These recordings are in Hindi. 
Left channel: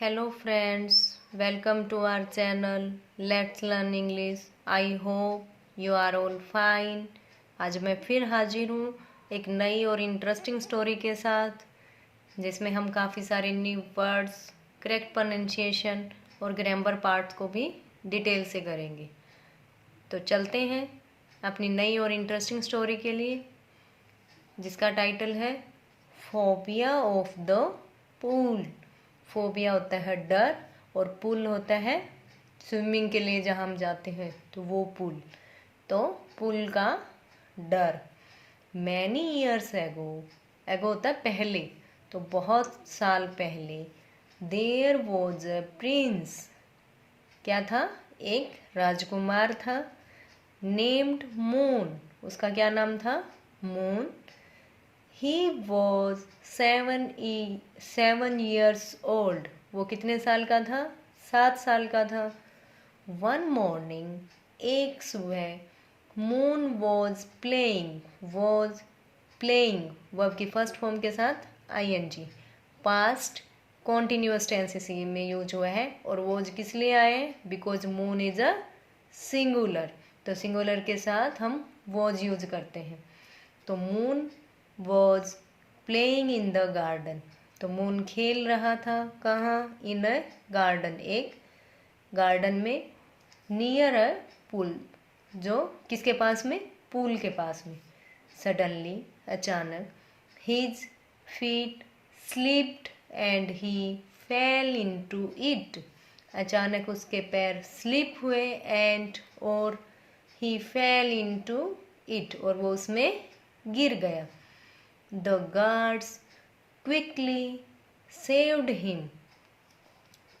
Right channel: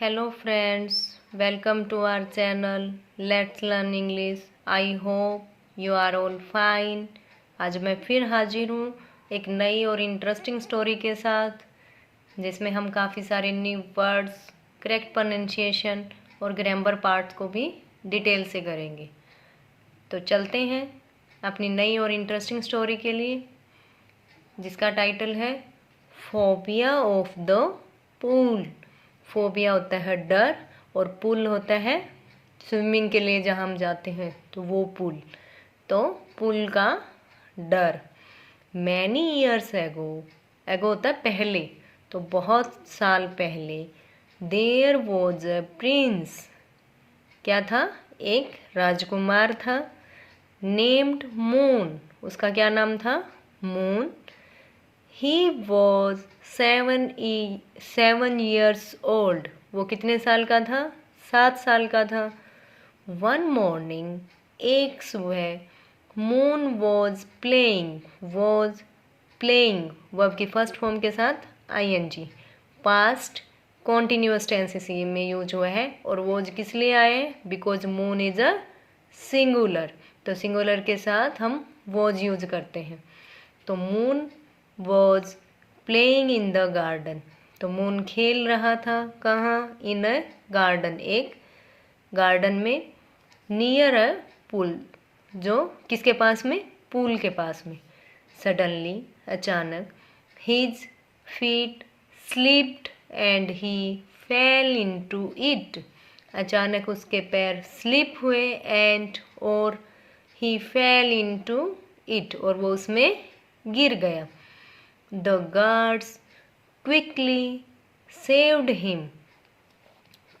Hello friends, welcome to our channel Let's Learn English. I hope you are all fine. आज मैं फिर हाजिर हूँ एक नई और इंटरेस्टिंग स्टोरी के साथ जिसमें हम काफ़ी सारे न्यू वर्ड्स, करेक्ट प्रोनाउंसिएशन और ग्रामर पार्ट्स को भी डिटेल से करेंगे। तो चलते हैं अपनी नई और इंटरेस्टिंग स्टोरी के लिए जिसका टाइटल है phobia of the pool. Phobia होता है डर और पूल होता है स्विमिंग के लिए जहाँ हम जाते हैं तो वो पूल। तो पूल का डर। मैनी ईयर्स एगो, एगो होता है पहले, तो बहुत साल पहले। देयर वॉज अ प्रिंस, क्या था? एक राजकुमार था। नेम्ड मून, उसका क्या नाम था? Moon. He was 7 years old, वो कितने साल का था? 7 साल का था। वन मॉर्निंग, एक सुबह। Moon was playing, was playing verb की फर्स्ट फॉर्म के साथ ing, पास्ट कॉन्टिन्यूअस टेंस में यूज हुआ है। और वॉज किस लिए आए हैं? Because moon is a singular, तो सिंगुलर के साथ हम वॉज यूज करते हैं। तो moon was playing in the garden, तो मून खेल रहा था कहाँ? इन अ गार्डन, एक गार्डन में। नियर अ पूल, जो किसके पास में? पूल के पास में। सडनली, अचानक। His feet slipped and he fail into it, अचानक उसके पैर स्लिप हुए एंड और ही फेल इनटू इट, और वो उसमें गिर गया। The guards quickly saved him,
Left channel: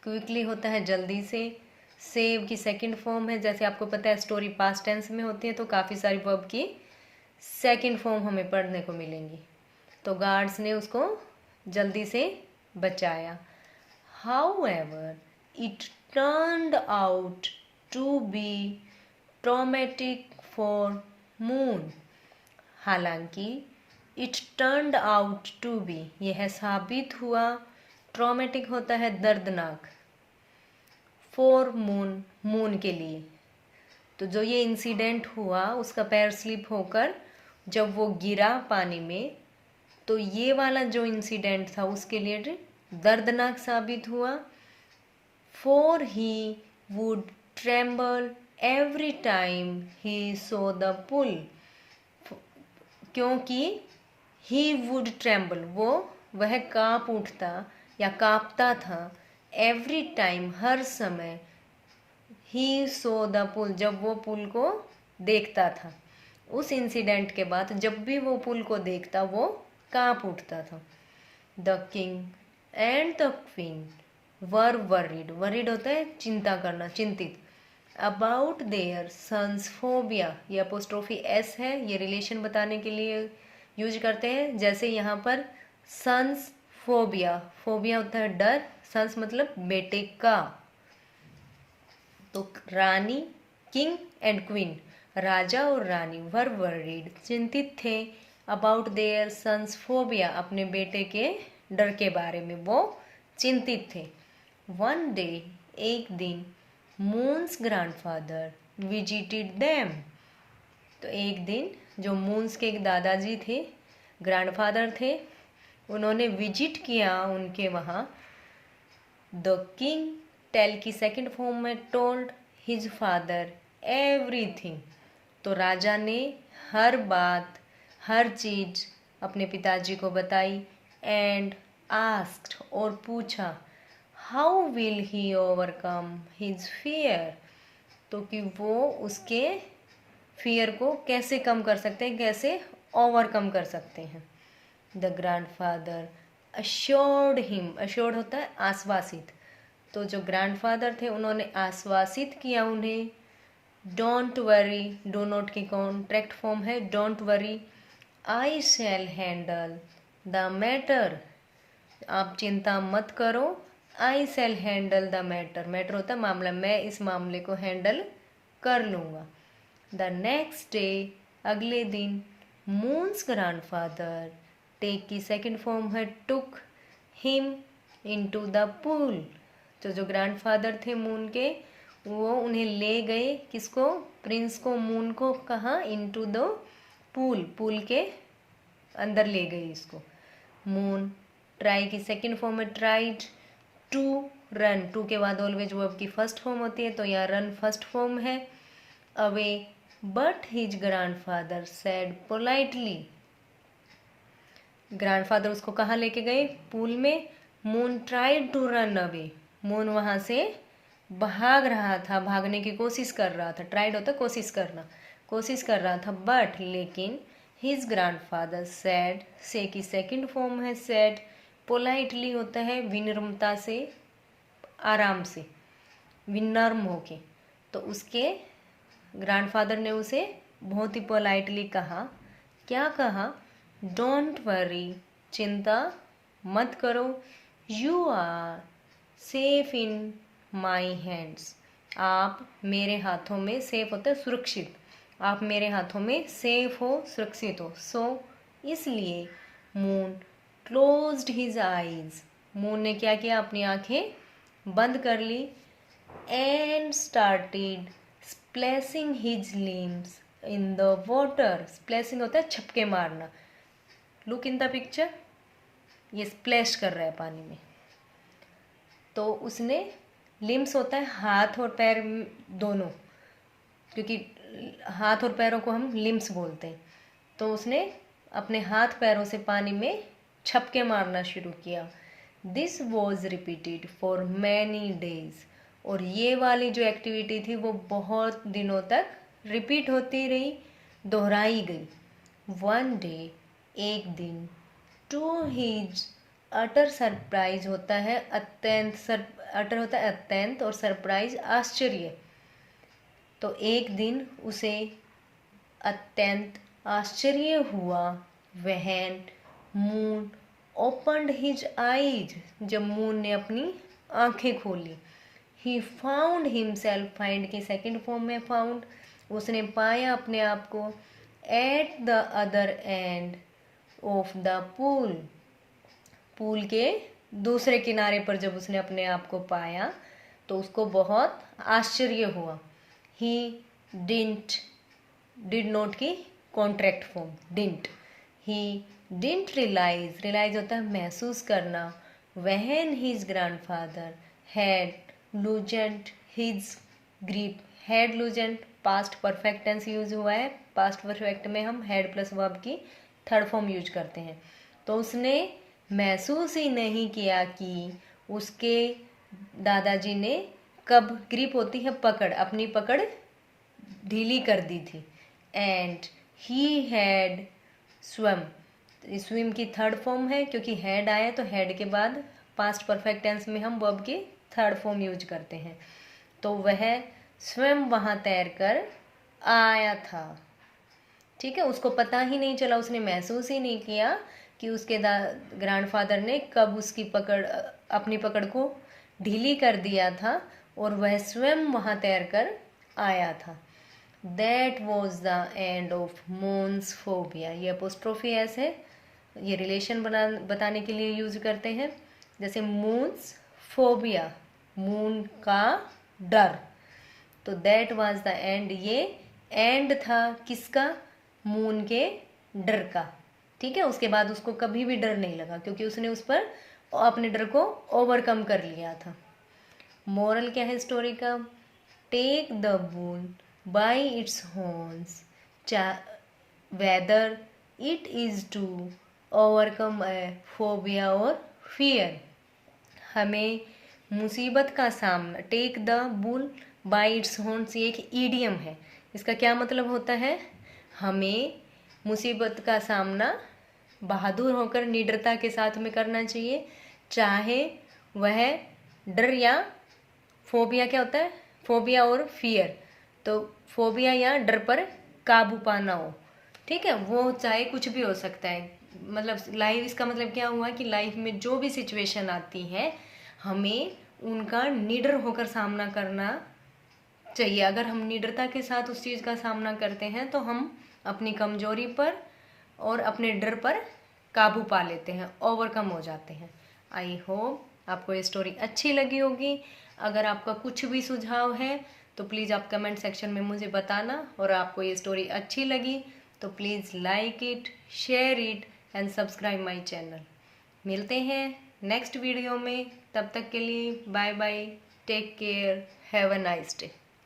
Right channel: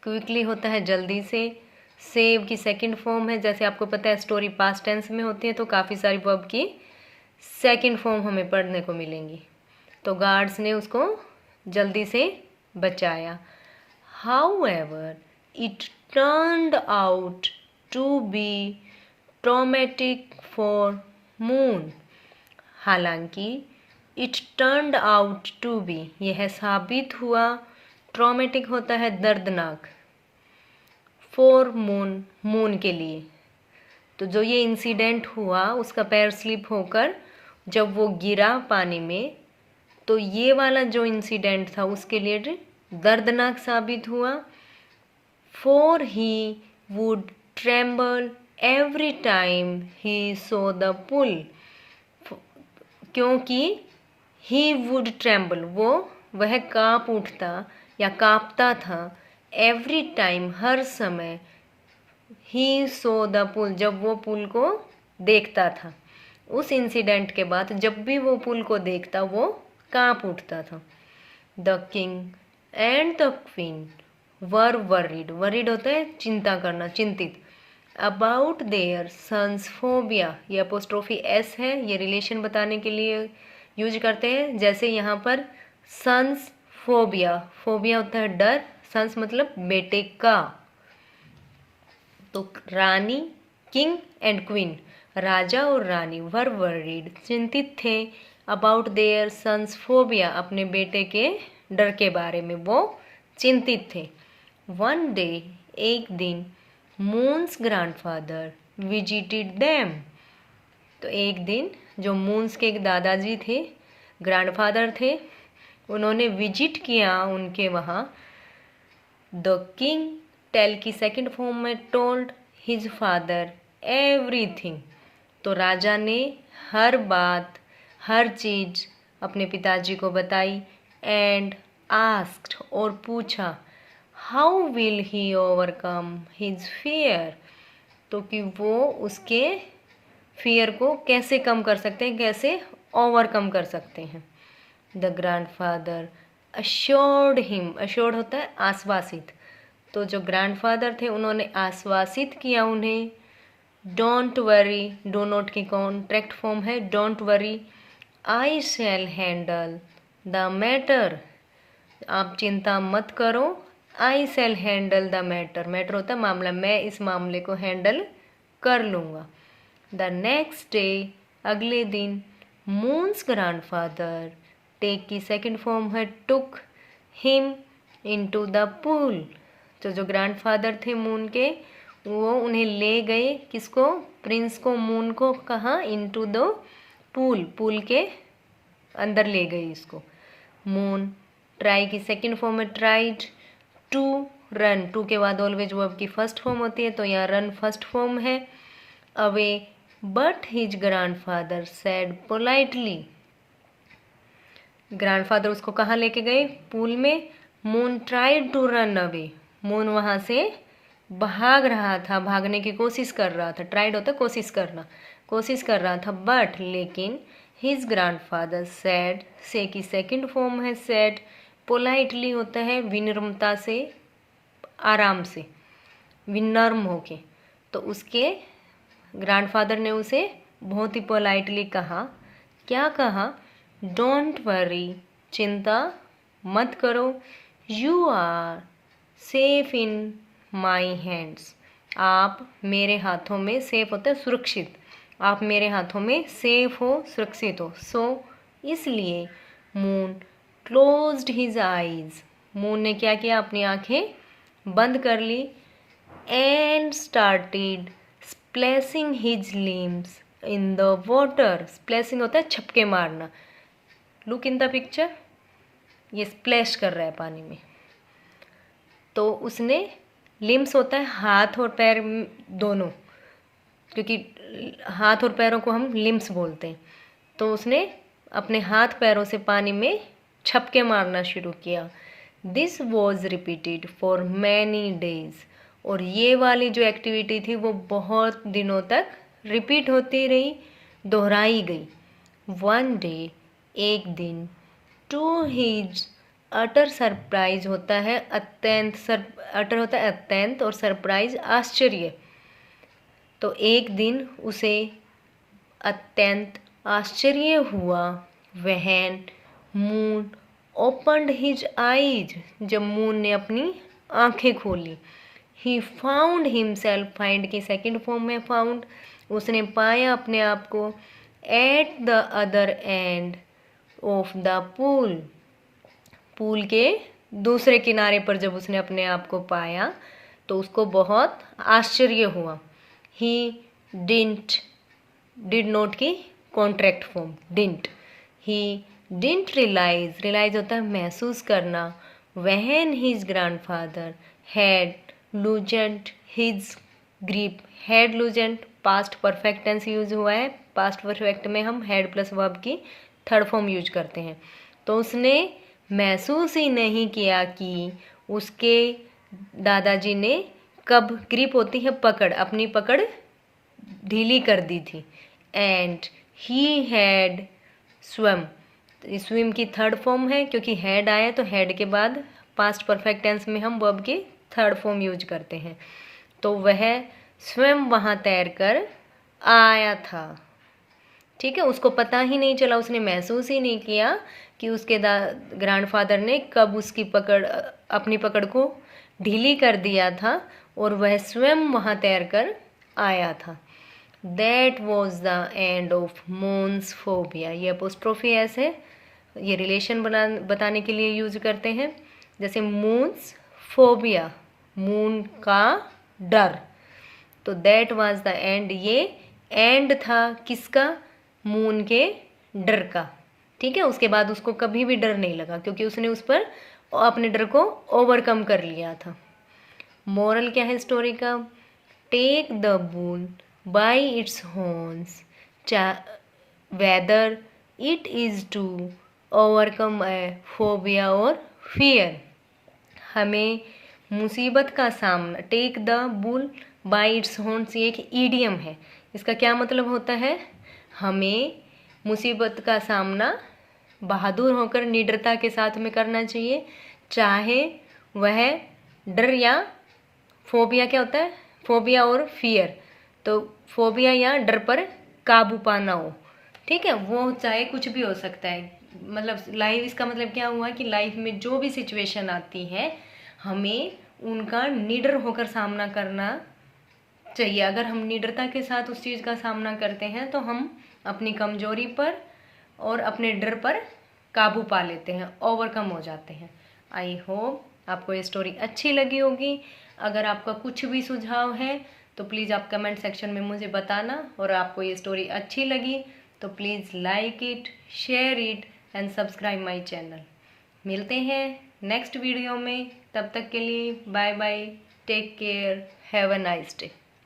quickly होता है जल्दी से, सेव की सेकंड फॉर्म है। जैसे आपको पता है स्टोरी पास्ट टेंस में होती है तो काफ़ी सारी वर्ब की सेकंड फॉर्म हमें पढ़ने को मिलेंगी। तो गार्ड्स ने उसको जल्दी से बचाया। However it turned out to be traumatic for moon, हालांकि it turned out to be, यह साबित हुआ, ट्रॉमेटिक होता है दर्दनाक, फॉर मून, मून के लिए। तो जो ये इंसिडेंट हुआ उसका पैर स्लिप होकर जब वो गिरा पानी में, तो ये वाला जो इंसिडेंट था उसके लिए दर्दनाक साबित हुआ। For he would tremble every time he saw the pool, क्योंकि ही वुड ट्रेम्बल, वह काँप उठता या काँपता था। एवरी टाइम, हर समय। ही सो द पुल, जब वो पुल को देखता था। उस इंसिडेंट के बाद जब भी वो पुल को देखता वो काँप उठता था। The king and the queen were worried, worried होता है चिंता करना, चिंतित। अबाउट देयर सन्स फोबिया, ये अपोस्ट्रोफी एस है, ये रिलेशन बताने के लिए यूज करते हैं। जैसे यहाँ पर सन्स फोबिया, फोबिया होता है डर, सन्स मतलब बेटे का। तो रानी, किंग एंड क्वीन, राजा और रानी, वर वरीड, चिंतित थे। अबाउट देयर सन्स फोबिया, अपने बेटे के डर के बारे में वो चिंतित थे। वन डे, एक दिन। मून्स ग्रैंडफादर विजिटेड देम, तो एक दिन जो मून्स के दादाजी थे, ग्रैंडफादर थे, उन्होंने विजिट किया उनके वहाँ। द किंग, टेल की सेकंड फॉर्म में टोल्ड हिज फादर एवरीथिंग, तो राजा ने हर बात, हर चीज़ अपने पिताजी को बताई। एंड आस्क्ड, और पूछा। How will he overcome his fear, तो कि वो उसके फियर को कैसे कम कर सकते हैं, कैसे ओवरकम कर सकते हैं। The grandfather assured him, assured होता है आश्वासित, तो जो ग्रैंडफादर थे उन्होंने आश्वासित किया उन्हें। डोंट वरी, डो नॉट की कॉन्ट्रैक्ट फॉर्म है don't worry, I shall handle the matter, आप चिंता मत करो। I shall handle the matter, matter होता है मामला, मैं इस मामले को हैंडल कर लूँगा। द नेक्स्ट डे, अगले दिन। मून्स ग्रैंडफादर, टेक की सेकंड फॉर्म है took him into the pool, तो जो ग्रैंडफादर थे मून के, वो उन्हें ले गए, किसको, प्रिंस को, मून को, कहाँ, इनटू द पूल, पूल के अंदर ले गई इसको। मून ट्राई की सेकंड फॉर्म में ट्राइड टू रन, टू के बाद ऑलवेज वर्ब की फर्स्ट फॉर्म होती है, तो यहाँ रन फर्स्ट फॉर्म है। Away but his grandfather said politely, grandfather उसको कहाँ लेके गए, पूल में। Moon tried to run away, Moon वहाँ से भाग रहा था, भागने की कोशिश कर रहा था, ट्राइड होता है कोशिश करना, कोशिश कर रहा था, बट लेकिन हिज ग्रैंडफादर सेड, से की सेकंड फॉर्म है सेड, पोलाइटली होता है विनम्रता से, आराम से, विनम्र होके, तो उसके ग्रैंडफादर ने उसे बहुत ही पोलाइटली कहा, क्या कहा, डोंट वरी, चिंता मत करो, you are safe in my hands, आप मेरे हाथों में, सेफ होता है सुरक्षित, आप मेरे हाथों में सेफ हो, सुरक्षित हो। सो इसलिए moon closed his eyes, moon ने क्या किया, अपनी आंखें बंद कर ली, and started splashing his limbs in the water, splashing होता है छपके मारना, लुक इन द पिक्चर, ये स्प्लैश कर रहा है पानी में। तो उसने, लिम्स होता है हाथ और पैर दोनों, क्योंकि हाथ और पैरों को हम लिम्स बोलते हैं, तो उसने अपने हाथ पैरों से पानी में छपके मारना शुरू किया। This was repeated for many days, और ये वाली जो एक्टिविटी थी वो बहुत दिनों तक रिपीट होती रही, दोहराई गई। वन डे, एक दिन, टू हिज अटर सरप्राइज होता है अत्यंत, अटर होता है अत्यंत, और सरप्राइज आश्चर्य, तो एक दिन उसे अत्यंत आश्चर्य हुआ, वहन मून ओपन्ड हिज आईज, जब मून ने अपनी आंखें खोली। ही फाउंड हिमसेल्फ, फाइंड की सेकंड फॉर्म में फाउंड, उसने पाया अपने आप को, at the other end of the pool, pool के दूसरे किनारे पर जब उसने अपने आप को पाया तो उसको बहुत आश्चर्य हुआ। ही डिड नॉट की contract form, didn't, he didn't realise, realise होता है महसूस करना, when his grandfather had loosened his grip, had loosened past perfect tense use हुआ है, पास्ट परफेक्ट में हम हैड प्लस वर्ब की थर्ड फॉर्म यूज करते हैं। तो उसने महसूस ही नहीं किया कि उसके दादाजी ने कब, ग्रिप होती है पकड़, अपनी पकड़ ढीली कर दी थी। एंड ही हैड स्वम, स्विम की थर्ड फॉर्म है, क्योंकि हैड आया तो हैड के बाद पास्ट परफेक्ट टेंस में हम वर्ब की थर्ड फॉर्म यूज करते हैं। तो वह स्वयं वहाँ तैर कर आया था, ठीक है, उसको पता ही नहीं चला, उसने महसूस ही नहीं किया कि उसके ग्रैंडफादर ने कब उसकी पकड़, अपनी पकड़ को ढीली कर दिया था, और वह स्वयं वहाँ तैर कर आया था। That was the end of moons phobia, ये अपोस्ट्रोफी एस है, ये रिलेशन बताने के लिए यूज करते हैं, जैसे मून्स फोबिया, मून का डर, तो दैट वाज द एंड, ये एंड था किसका, मून के डर का, ठीक है। उसके बाद उसको कभी भी डर नहीं लगा, क्योंकि उसने उस पर अपने डर को ओवरकम कर लिया था। मोरल क्या है स्टोरी का, take the bull by its horns, whether it is to overcome a phobia और फियर, हमें मुसीबत का सामना, take the bull by its horns, ये एक ईडियम है, इसका क्या मतलब होता है, हमें मुसीबत का सामना बहादुर होकर निडरता के साथ में करना चाहिए, चाहे वह डर या, फोबिया क्या होता है, फोबिया और फियर, तो फोबिया या डर पर काबू पाना हो, ठीक है, वो चाहे कुछ भी हो सकता है, मतलब लाइफ, इसका मतलब क्या हुआ कि लाइफ में जो भी सिचुएशन आती है हमें उनका निडर होकर सामना करना चाहिए। अगर हम निडरता के साथ उस चीज़ का सामना करते हैं तो हम अपनी कमजोरी पर और अपने डर पर काबू पा लेते हैं, ओवरकम हो जाते हैं। आई होप आपको ये स्टोरी अच्छी लगी होगी। अगर आपका कुछ भी सुझाव है तो प्लीज़ आप कमेंट सेक्शन में मुझे बताना, और आपको ये स्टोरी अच्छी लगी तो please like it, share it and subscribe my channel. मिलते हैं नेक्स्ट वीडियो में, तब तक के लिए bye bye, take care, have a nice day.